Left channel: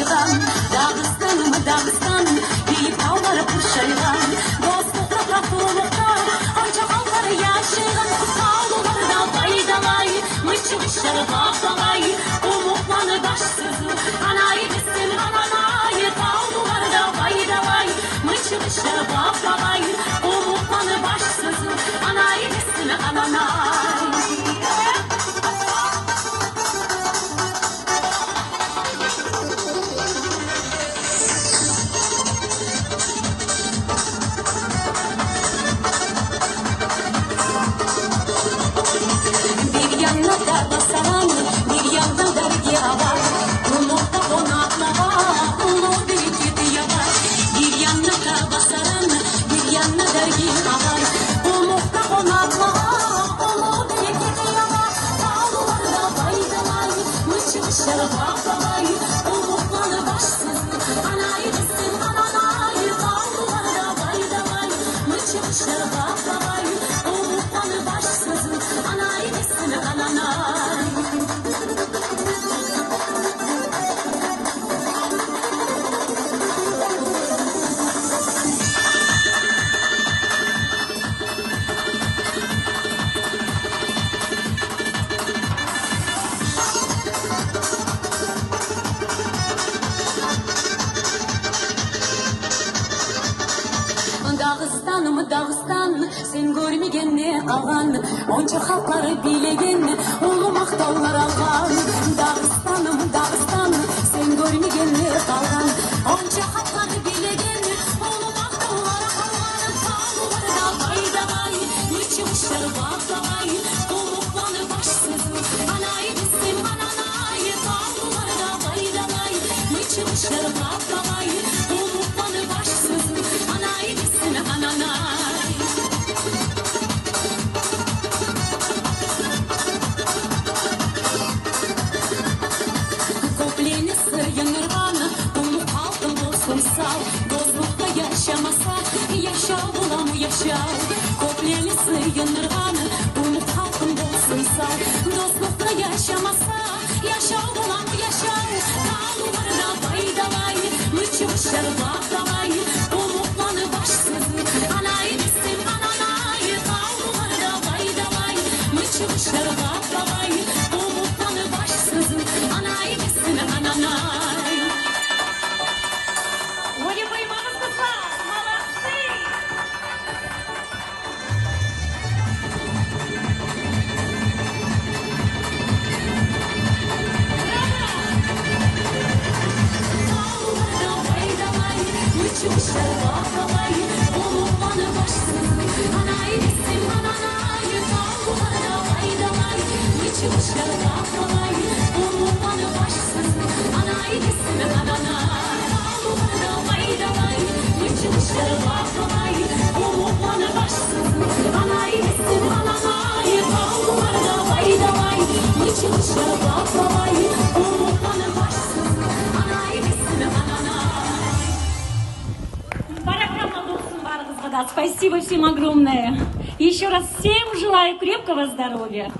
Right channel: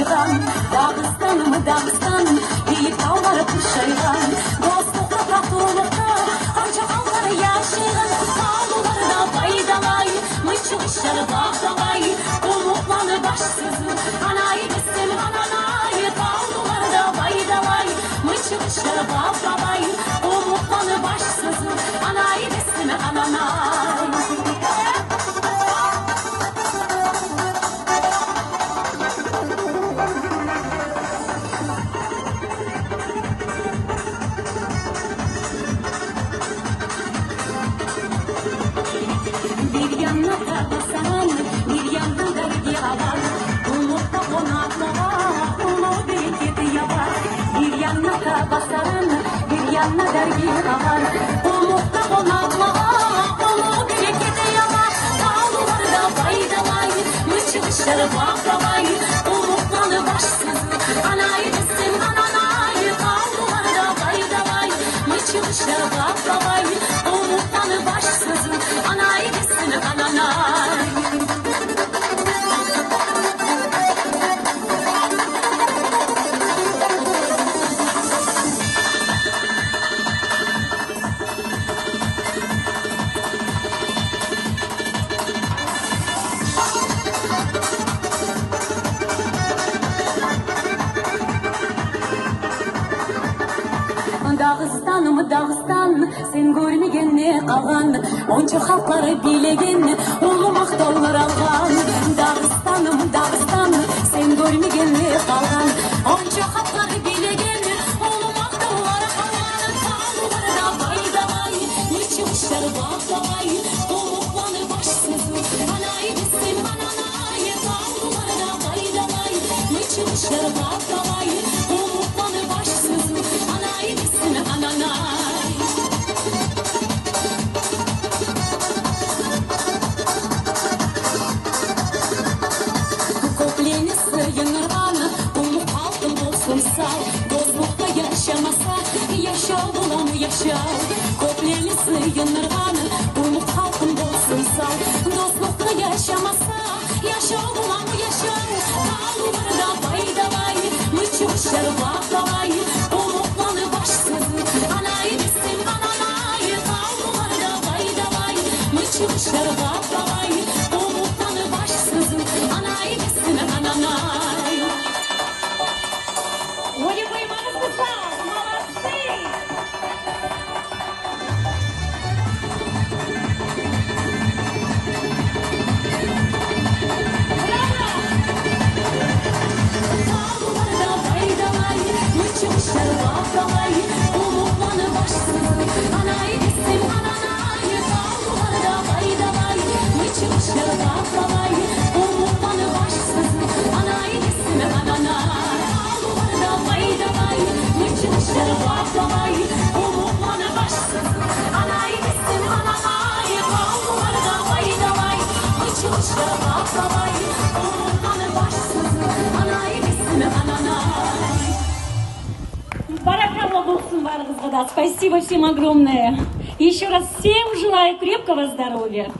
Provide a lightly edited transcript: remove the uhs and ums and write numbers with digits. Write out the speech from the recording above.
Kuşay'dan, Dağıstan mı Dağıstan, bir dağlara Kuşay'dan, dostlukla tatlılıkta, onca anları yaşayan, sağlıklarına faydalar, mıçmışlar bağlar, umutları başsızın, anayı desin ananay, sağlıklarına faydalar, mıçmışlar bağlar, umutları başsızın, anayı desin ananay. Bir yanına da salam, bir yanına da yavar. Umutla konaklava, umut bereketi yavar. Bir yanına da basarım, bir yanına da yavar. Umutla konaklava, umut bereketi yavar. Sağlıklarına faydalar, mıçmışlar bağlar. Umutları başsız, anayı desin ananay. Sağlıklarına faydalar, mıçmışlar bağlar. Umutları başsız, anayı desin ananay. Dağıstanım Dağıstan, sen görmegen kalan, onca halkları bilegen, ulumak dağlar algan. Dağıstanım Dağıstan, sen görmegen kalan, onca halkları bilegen, ulumak dağlar algan. Sağlıklarına faydalar, mıçmışlar bağlar, umutları başsız, anayı desin ananay. Sağlıklarına faydalar, mıçmışlar bağlar, umutları başsız, anayı desin ananay. Kopleni sırgınır anı, umut halkın olsun sağ. Dostlukta yaşamasa, yaşa bulam yaşa. Kopleni sırgınır anı, umut halkın olsun sağ. Dostlukta yaşamasa, yaşa bulam yaşa. Sağlıklarına faydalar, mıçmışlar bağlar. Umutları başsız, anayı desin ananay. Sağlıklarına faydalar, mıçmışlar bağlar. Umutları başsız, anayı desin ananay. Ой, вы молодцы! Молодцы! Спасибо всем огромное. Еще раз всем желаю крепкого здоровья.